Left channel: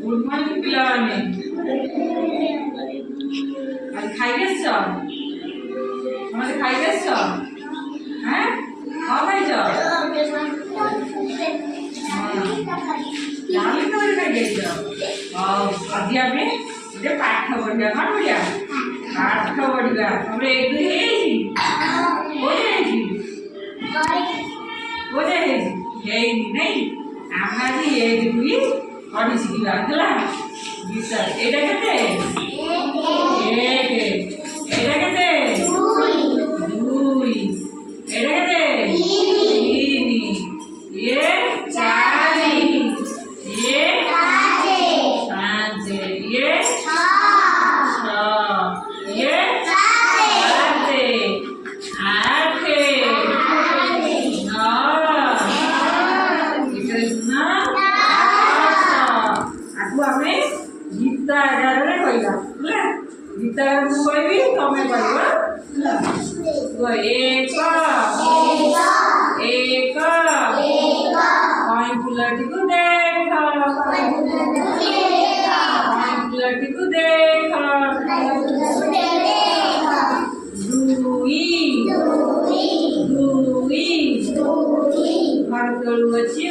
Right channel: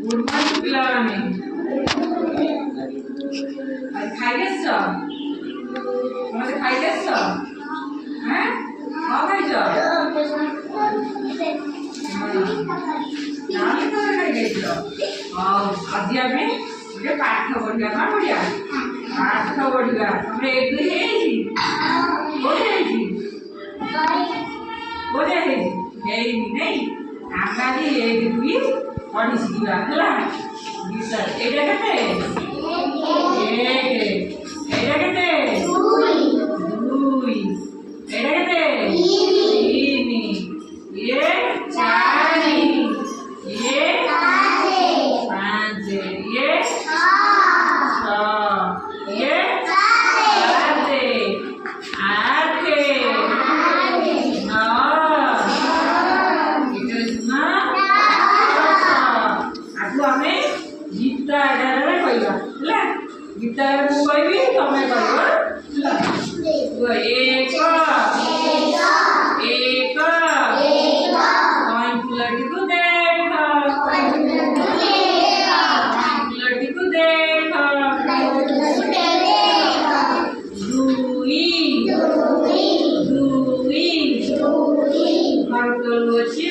good morning पिलाने आज खाइलेছ हमसे खाइलेছ हैं हां खाइछ नाले तो खाइलेछ आज आमे जे पाठ पढ़िया कौन पढ़िया पाठ पढ़िया हमरे एक दुई हेजी बोले हेजी बोले हेजी हेनी नहीं आमारी एक दुई पढ़ी शिखा है गीत एटा केते एक एटा केते दुई एटा केते तीन ये चारि ये पाँच ये छ ये सात आठ नौ आमे गीता 11 रे कहला हला गीता मु कहबी तमे कहबो हला एक एक कहीं फुलटी को देख फुलटी को देख दुई दुई घर तलु अछि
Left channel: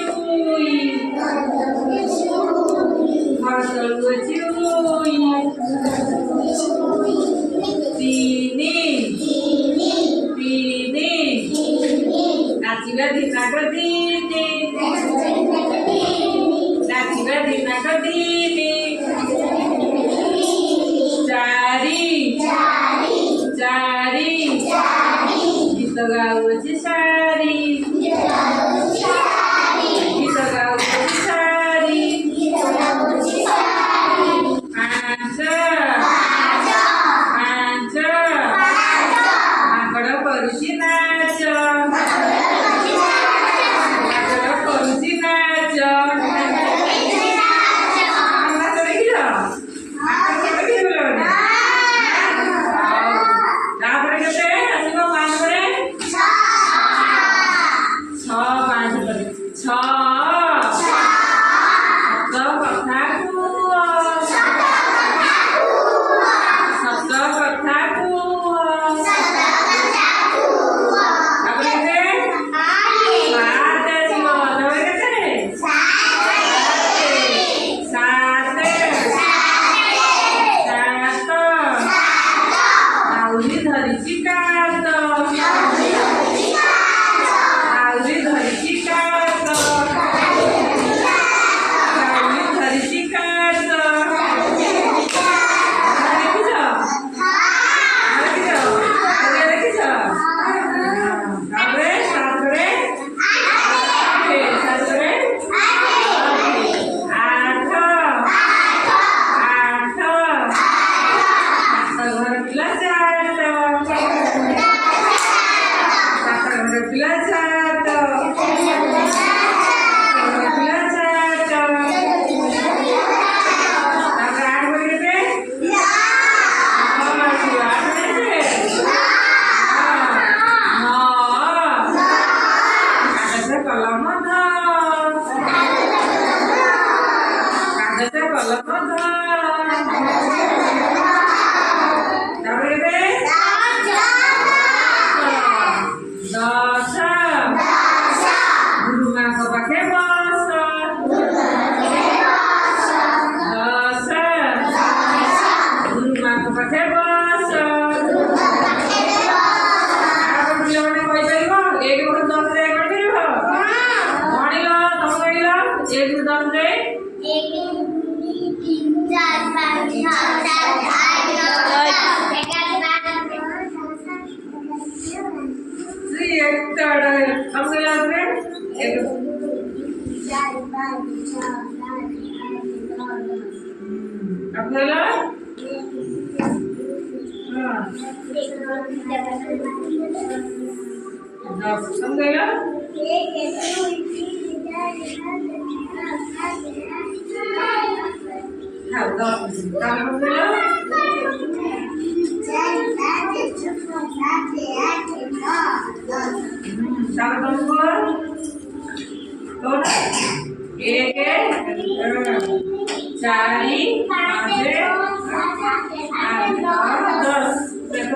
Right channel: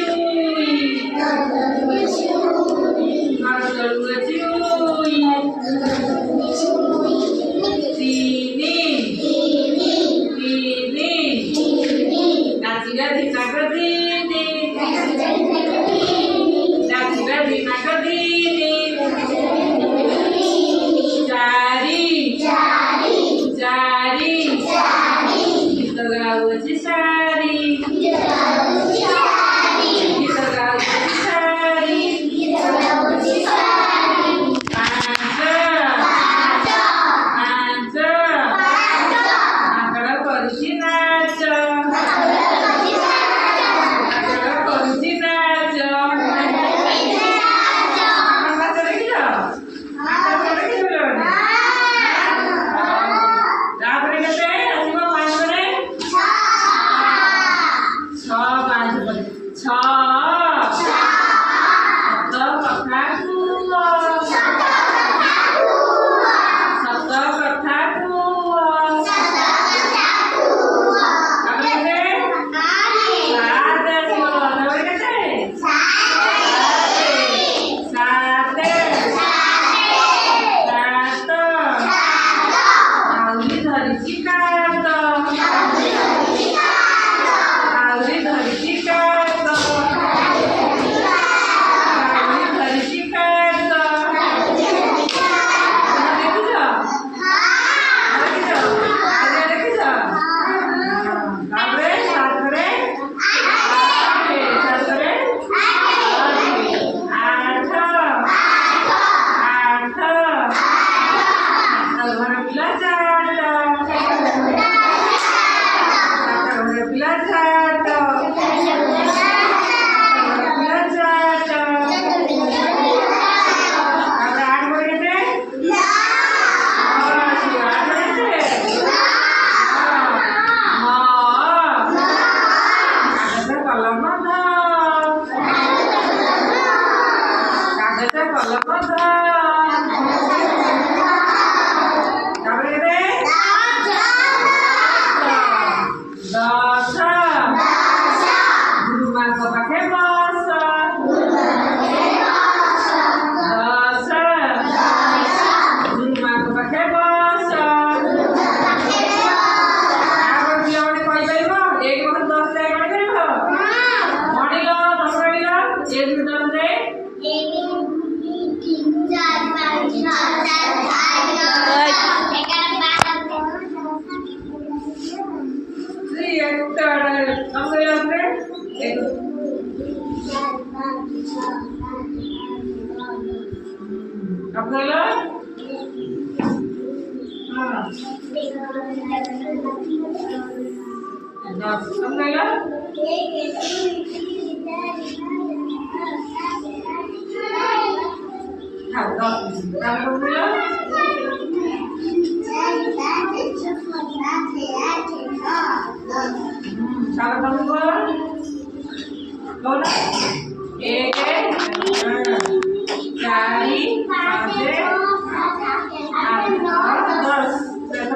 1 4 5